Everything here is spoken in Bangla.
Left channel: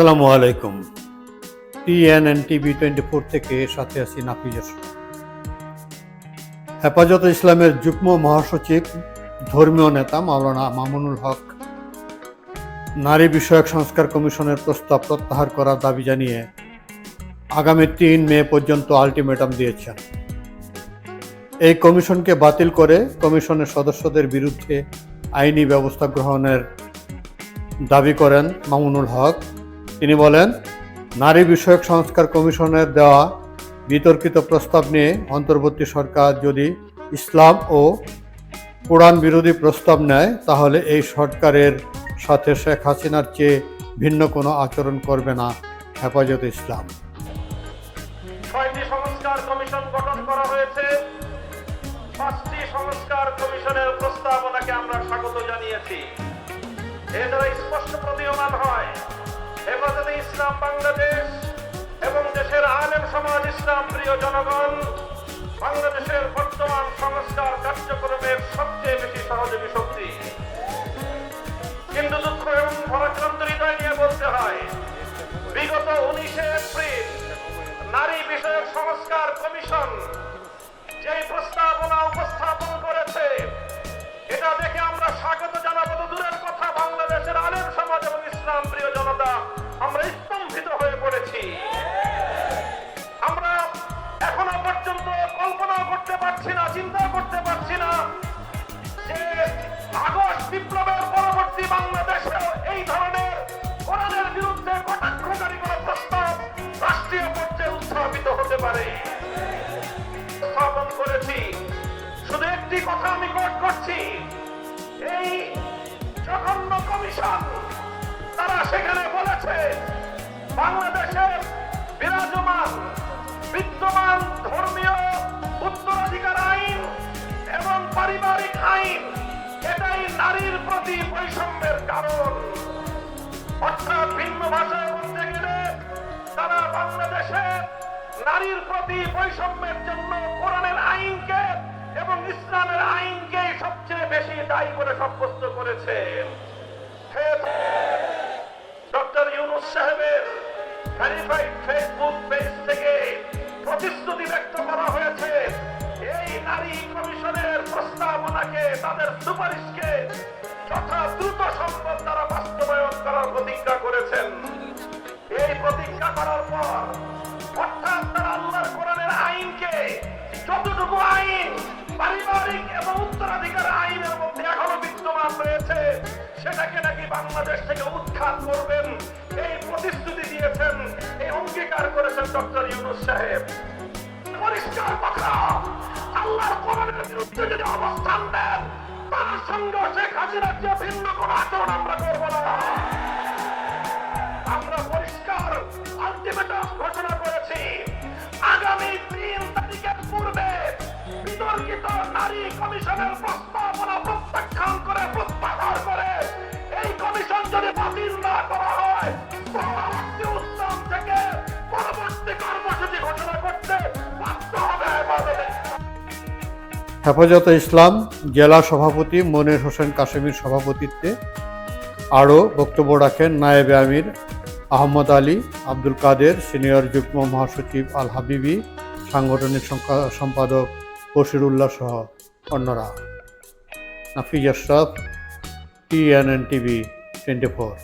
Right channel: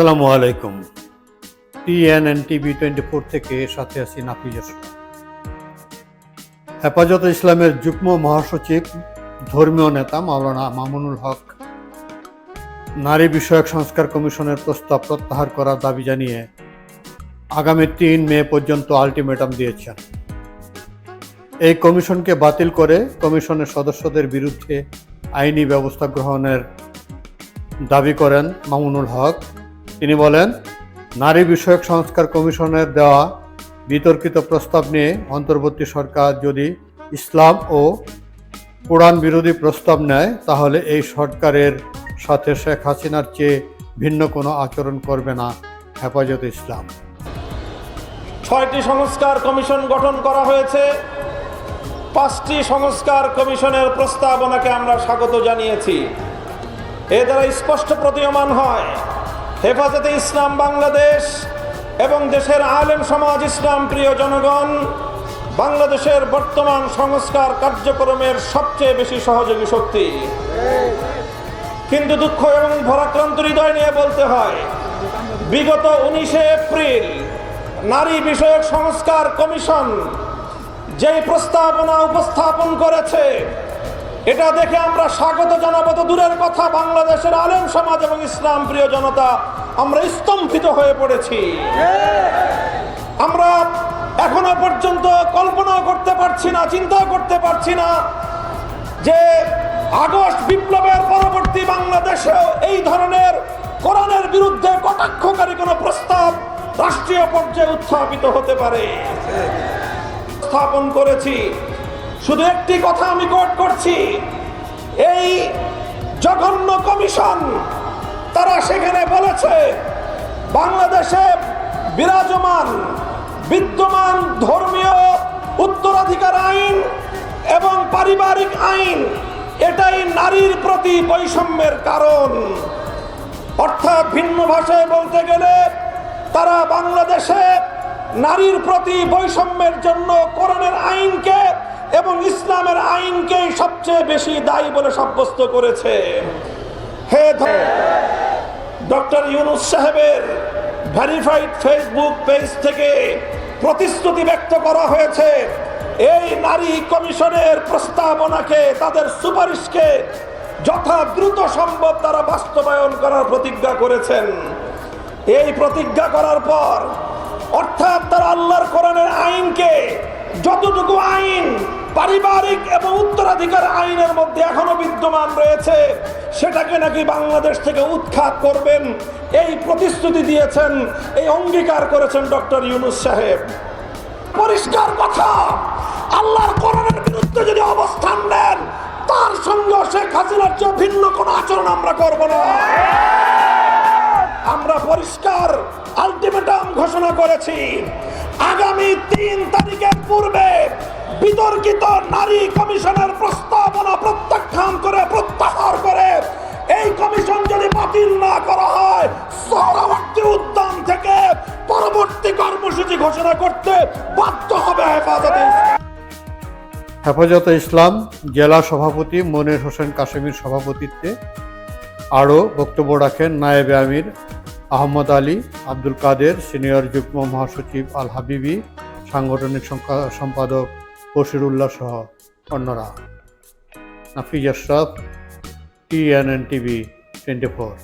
আসসালামু আলাইকুম। টিএনএন টিভি 24 থেকে সাথে আছি নাফিজ আশরাফ। হেফাজতে ইসলামের যুগ্ম মহাসচিব ধর্মীয় নেতা মাওলানা মামুনুল হক নারী বিষয়ক সংস্কার কমিশনের প্রস্তাব প্রত্যাহার করার দাবি জানিয়ে আগামী 3 মে পর্যন্ত আলটিমেটাম দিয়েছেন। এই কমিশনকে বাতিল করে কমিশনের সদস্যদের বিরুদ্ধে আইনি ব্যবস্থা গ্রহণের দাবি করেন মামুনুল হক। তিনি বলেন, নারী বিষয়ক সংস্কার কমিশনের দেওয়া বিতর্কিত প্রস্তাব নিয়ে অন্তর্বর্তী সরকার যদি ইসলাম ও কোরআন বিরোধী প্রস্তাব নেয়, তাহলে এই সরকারের সাথে শেখ হাসিনার চেয়ে ভিন্ন কোনো আচরণ করবে না হেফাজতে ইসলাম। 6টি সংস্কার কমিশন গঠন করা হয়েছে। 5টি সংস্কার কমিশনের প্রস্তাবনাকে আমরা স্বাগত জানিয়েছি। এ দ্বারা স্পষ্ট প্রতীয়মান হয়, হেফাজতে ইসলাম বাংলাদেশ এবং দেশের আলেম সমাজ, ইসলাম প্রিয় জনগণ বাংলাদেশের বর্তমান সংস্কার কার্যক্রমের সবচেয়ে বেশি সহযোগী শক্তি। কিন্তু দুঃখ এবং ভারাক্রান্ত হৃদয় নিয়ে বলতে হয়, বিগত 19শে এপ্রিল নারী বিষয়ক সংস্কার কমিশন যেই প্রস্তাবনা উপস্থাপন করেছে, এটা দেখে আমরা স্বাগত জানাবো তো দূরের কথা, বাংলাদেশের আলেম সমাজ এবং ইসলাম প্রিয় জনতা আমরা স্তম্ভিত হয়ে পড়েছি। আমরা এখনো পর্যন্ত কল্পনা করতে পারছি না, চিন্তা করতে পারছি না যে আগস্ট বিপ্লবের পরবর্তী বাংলাদেশেও এই ধরনের কোরআনের বিরুদ্ধে কটাক্ষকারী কোনো প্রস্তাব রাষ্ট্রীয় পর্যায়ে উত্থাপিত হতে পারে। স্থাপন করেছি, শুধু একটি কথা আমি কোট করছি, এই জঘন্য কমিশন তারা সেখানে বলেছে বাংলাদেশে বিদ্যমান ধর্মীয় উত্তরাধিকার আইন এবং পারিবারিক আইন এটাই নারীর প্রতি বৈষম্যের কারণ। অর্থাৎ ভিন্ন ভাষায় বলতে গেলে তারা বাংলাদেশে নারীর প্রতি বৈষম্যের জন্য কোরআনের আইনকে এবং ইসলামের আইনকে সবচেয়ে বেশি দায়ী বলে সাব্যস্ত করেছে। ডক্টর ইউনূস সাহেবের ভেরিফাইড ফেসবুক পেজ থেকে প্রতিশ্রুতি ব্যক্ত করা হয়েছে, এই নারী কমিশনের প্রস্তাবনাকে, তাদের সুপারিশকে যথা দ্রুত সম্ভব তারা বাস্তবায়ন করার প্রতিজ্ঞা করেছেন। এই প্রতিজ্ঞা করার পর অর্থাৎ তারা আল্লাহর কোরআনের আইনকে, যতটুকু আইন পারিবারিক এবং উত্তরাধিকার আইনের মধ্যে এখনো বিদ্যমান রয়েছে, সেটাকে নাকি বাংলাদেশ থেকে উৎখাত করবেন, এই প্রতিশ্রুতি দিয়েছেন, এই অঙ্গীকার করেছেন ডক্টর ইউনূস সাহেব। পরিষ্কার কথা, আল্লাহর কোরআনের বিরুদ্ধে যদি অবস্থান নেন, তার সঙ্গে শেখ হাসিনার চেয়ে ভিন্ন কোনো আচরণ আমরা করব না। আমরা পরিষ্কার আলটিমেটাম ঘোষণা করেছি, আগামী 3 তারিখের পূর্বে বিতর্কিত নারী কমিশনের প্রস্তাবনা প্রত্যাখ্যান করে, প্রত্যাহার করে এই কমিশন যদি বাতিল না করা হয়, সোহরাওয়ার্দী উদ্যান থেকে পরবর্তী কর্মসূচি ঘোষণা করতে বাধ্য হবে হেফাজতে ইসলাম জেলা সভাপতি মনির হোসেন কাশেমির সভাপতিত্বে আরও বক্তব্য রাখেন নায়েবে আমির আহমদ আলী, আব্দুল কাদের, সিনিয়র যুগ্ম মহাসচিব আল হাবিবি, সাংগঠনিক সম্পাদক বশিরুল্লাহ সহ অন্যরা। Nafiz Ashraf, TNN TV 24।